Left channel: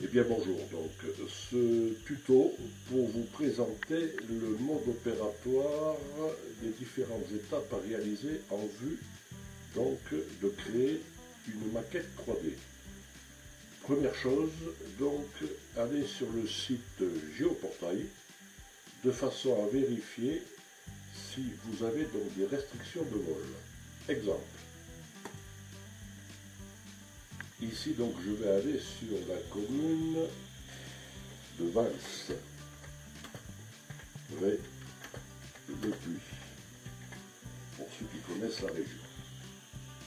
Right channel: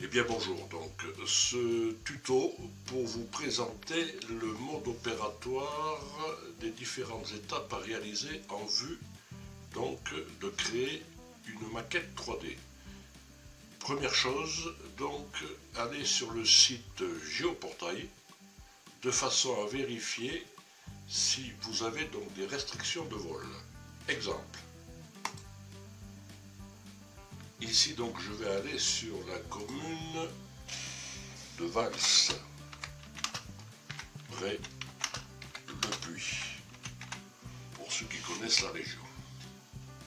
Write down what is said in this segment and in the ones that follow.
Eh bien bonjour, donc ce tuto pour vous présenter le mode opératoire des différentes étapes à réaliser en vue donc de créer une maquette 3D. Première chose, donc allez sur le site Géoportail de façon à vérifier si vous avez donc des restrictions de vol. Exemple. Ici donc je vais aller sur la commune de Vals, près de Puy, pour ceux qui connaissent la région.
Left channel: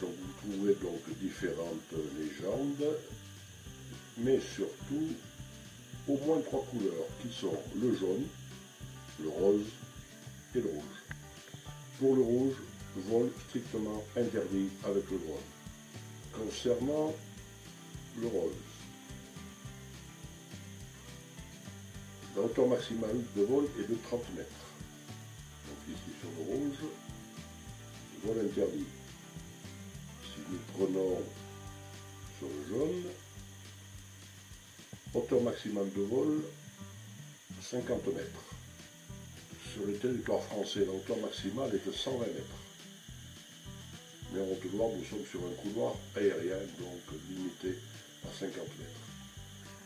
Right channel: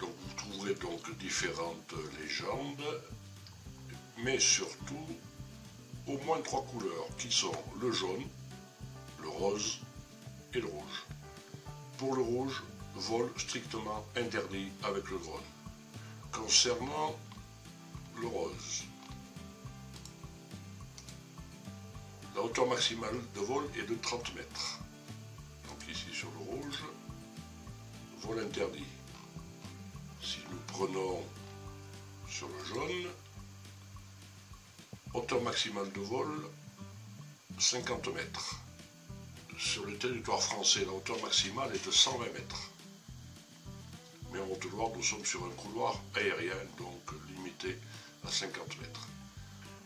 Donc vous trouverez donc différentes légendes, mais surtout au moins 3 couleurs qui sont le jaune, le rose et le rouge. Pour le rouge, vol strictement interdit avec le drone. Concernant le rose, la hauteur maximale de vol est de 30 mètres. Donc ici sur le rouge, vol interdit. Si nous prenons sur le jaune, hauteur maximale de vol 50 mètres. Sur le territoire français, la hauteur maximale est de 120 mètres. Mais en Haute-Loire, nous sommes sur un couloir aérien, donc limité à 50 mètres.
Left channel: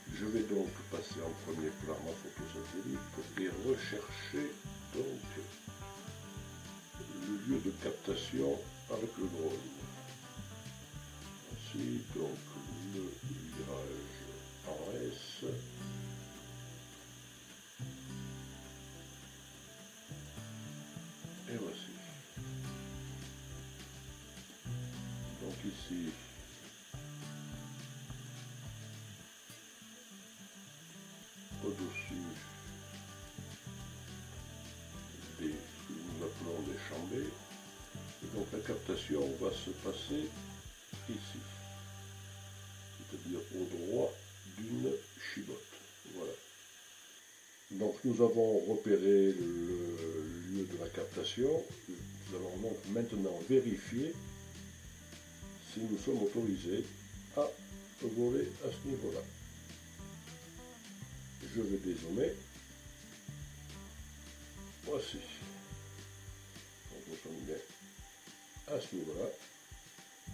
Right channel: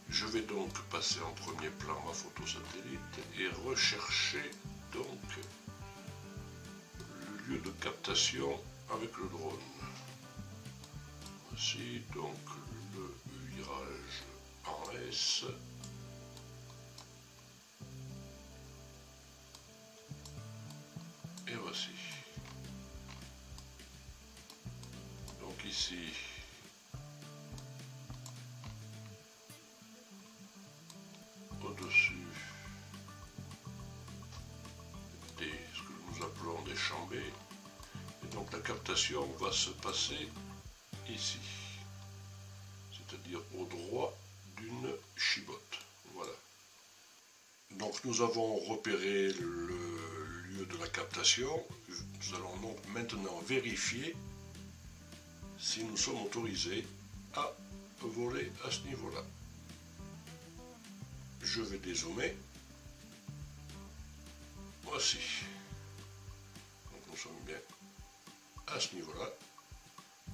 Je vais donc passer en premier plan ma photo satellite et rechercher donc le lieu de captation avec le drone. Voici donc le virage en S. Et voici. Donc ici, au-dessus ce que nous appelons des chambées. Et donc la captation va se passer ici, c'est-à-dire au droit d'une chibotte. Voilà. Donc nous avons repéré le lieu de la captation. Nous allons donc maintenant vérifier si nous sommes autorisés à voler à ce niveau-là. Je vais dézoomer. Voici. Donc nous sommes bien à ce niveau-là.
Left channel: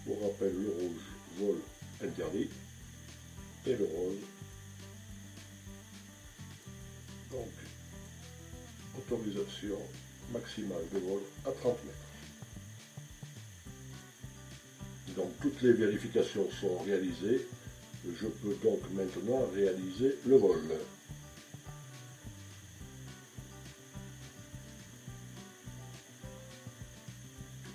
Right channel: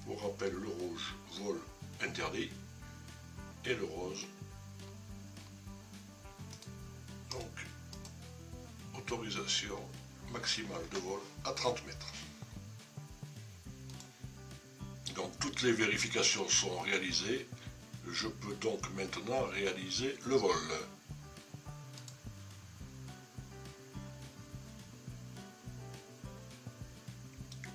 Pour rappel, le rouge, vol interdit, et le rose, donc autorisation maximale de vol à 30 mètres. Donc toutes les vérifications sont réalisées. Je peux donc maintenant réaliser le vol.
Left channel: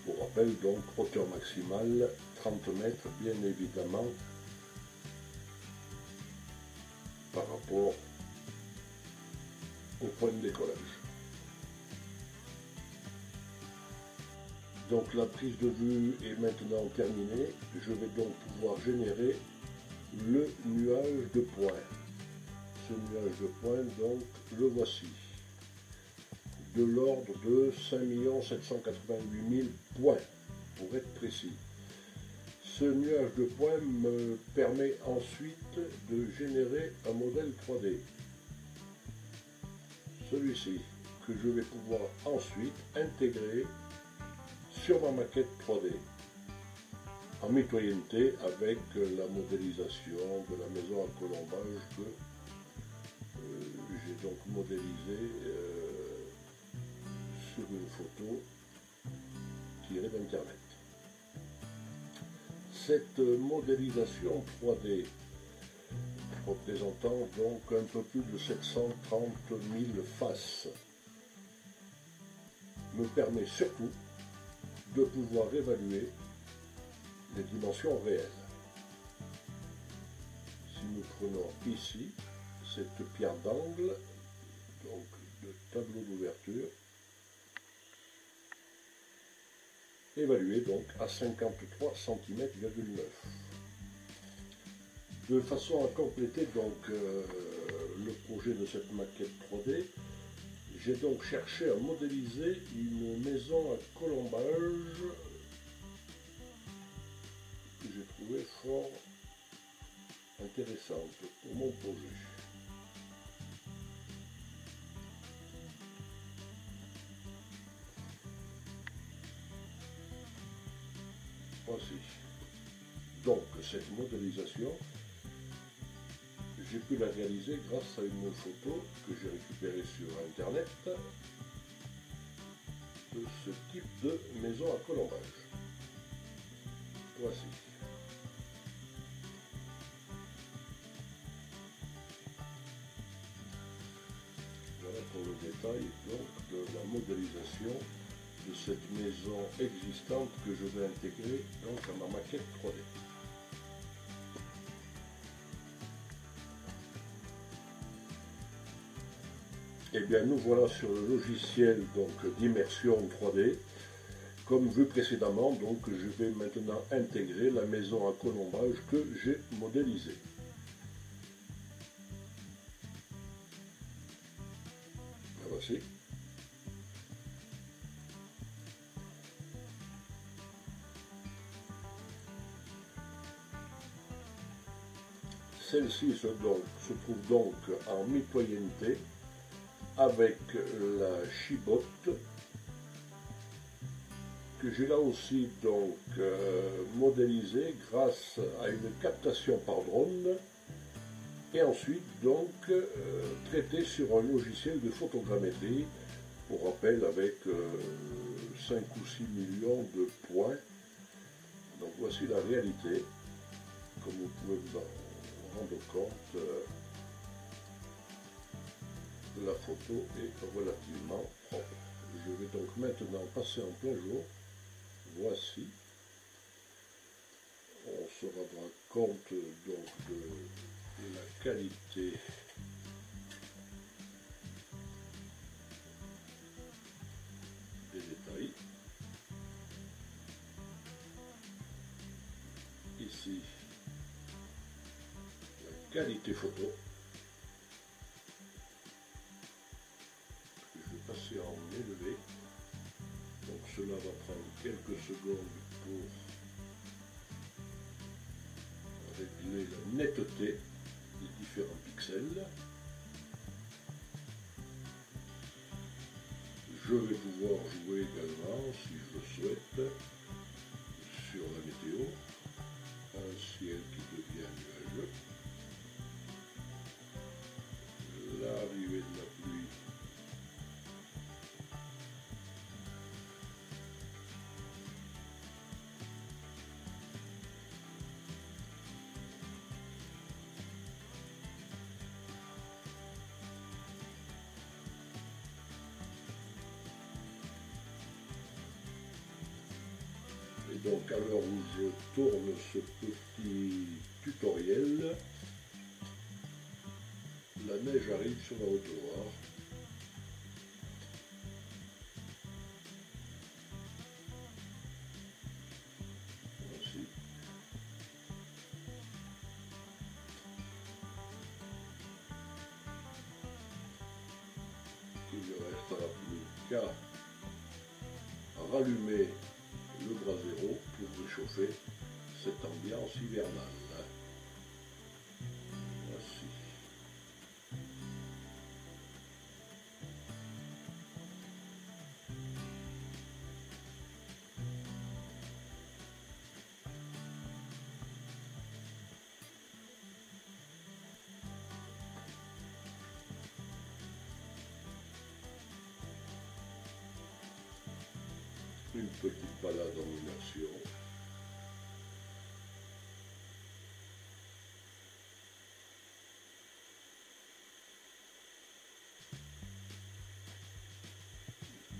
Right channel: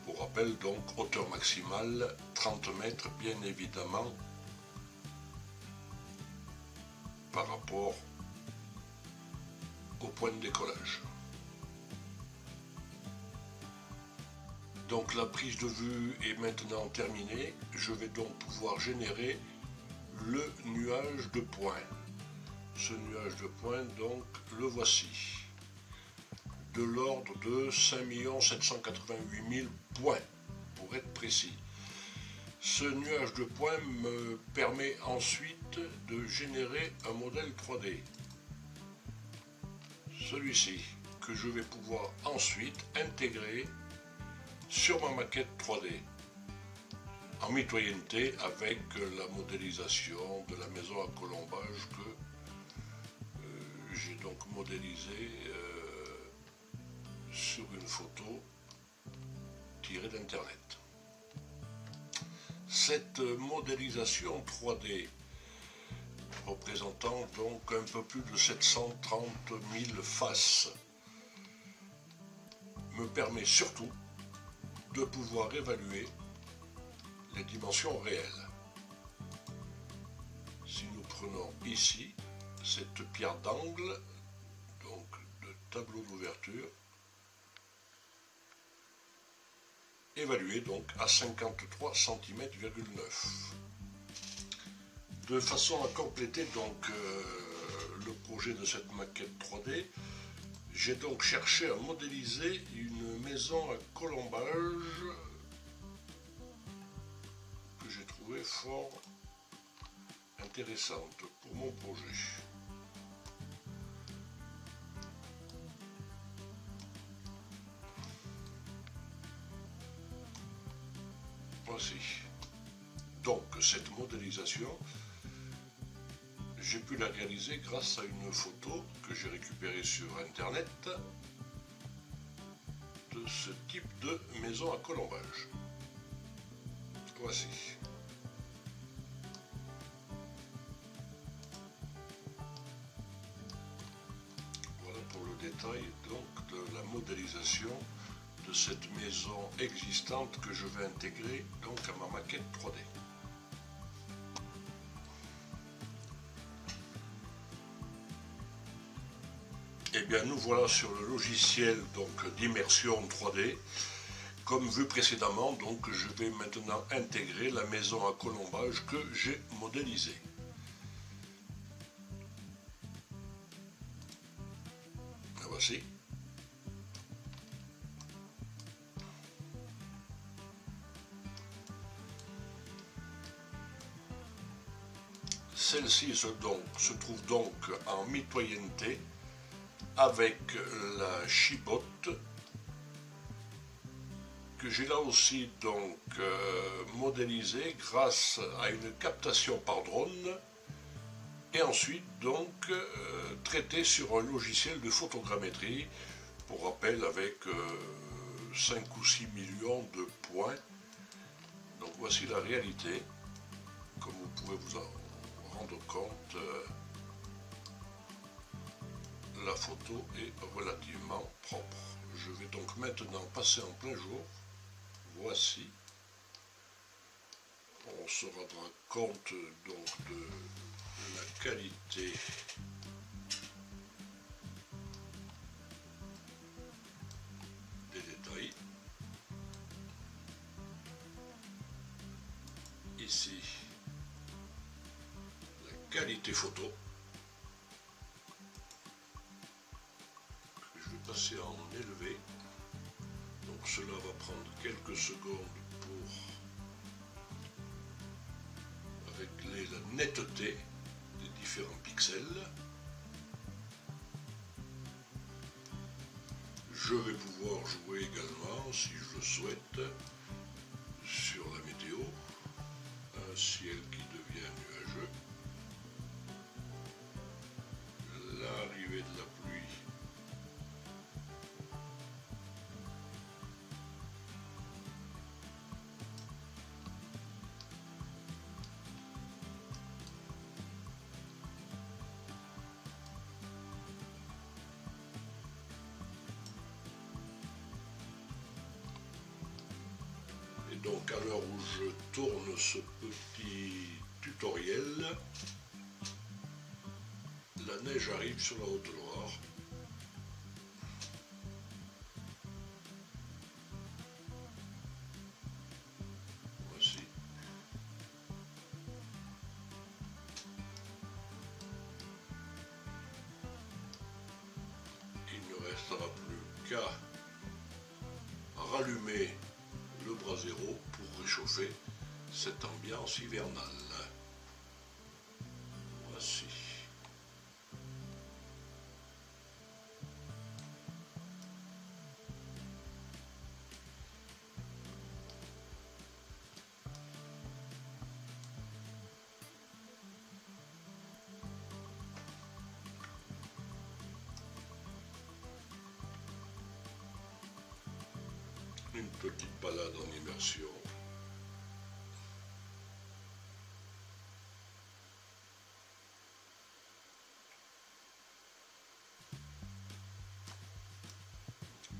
Pour rappel, donc, hauteur maximale 30 mètres, bien évidemment, par rapport au point de décollage. Donc la prise de vue est maintenant terminée. Je vais donc pouvoir générer le nuage de points. Ce nuage de points, donc, le voici. De l'ordre de 5 788 000 points, pour être précis. Ce nuage de points me permet ensuite de générer un modèle 3D. Celui-ci, que je vais pouvoir ensuite intégrer sur ma maquette 3D, en mitoyenneté avec la modélisation de la maison à colombage que j'ai donc modélisée sur une photo tirée d'internet. Cette modélisation 3D représentant donc un peu plus de 730 000 faces me permet surtout de pouvoir évaluer les dimensions réelles. Si nous prenons ici cette pierre d'angle, donc de tableau d'ouverture, évaluée donc à 53 cm,9. De façon à compléter donc le projet de cette maquette 3D, j'ai donc cherché à modéliser une maison à colombage que j'ai trouvé fort intéressante pour mon projet. Voici. Donc cette modélisation, j'ai pu la réaliser grâce à une photo que j'ai récupérée sur internet de ce type de maison à colombage. Voici. Voilà pour le détail donc de la modélisation de cette maison existante que je vais intégrer donc à ma maquette 3D. Et bien nous voilà sur le logiciel donc d'immersion 3D. Comme vu précédemment, donc je vais maintenant intégrer la maison à colombage que j'ai modélisée. La voici. Celle-ci se trouve donc en mitoyenneté avec la chibotte que j'ai là aussi donc modélisée grâce à une captation par drone et ensuite donc traitée sur un logiciel de photogrammétrie, pour rappel avec 5 ou 6 millions de points. Donc voici la réalité, comme vous pouvez vous en rendre compte. La photo est relativement propre. Je vais donc maintenant passer en plein jour. Voici. On se rendra compte donc de la qualité des détails. Ici, la qualité photo. Passer en élevé, donc cela va prendre quelques secondes pour régler la netteté des différents pixels. Je vais pouvoir jouer également, si je le souhaite, sur la météo, un ciel qui devient nuageux, l'arrivée de la pluie. Donc à l'heure où je tourne ce petit tutoriel, la neige arrive sur la Haute-Loire. Voici. Il ne restera plus qu'à rallumer le brasero pour réchauffer cette ambiance hivernale. Voici. Une petite balade en immersion.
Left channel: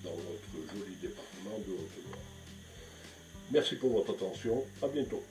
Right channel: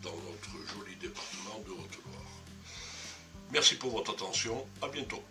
Dans notre joli département de Haute-Loire. Merci pour votre attention, à bientôt.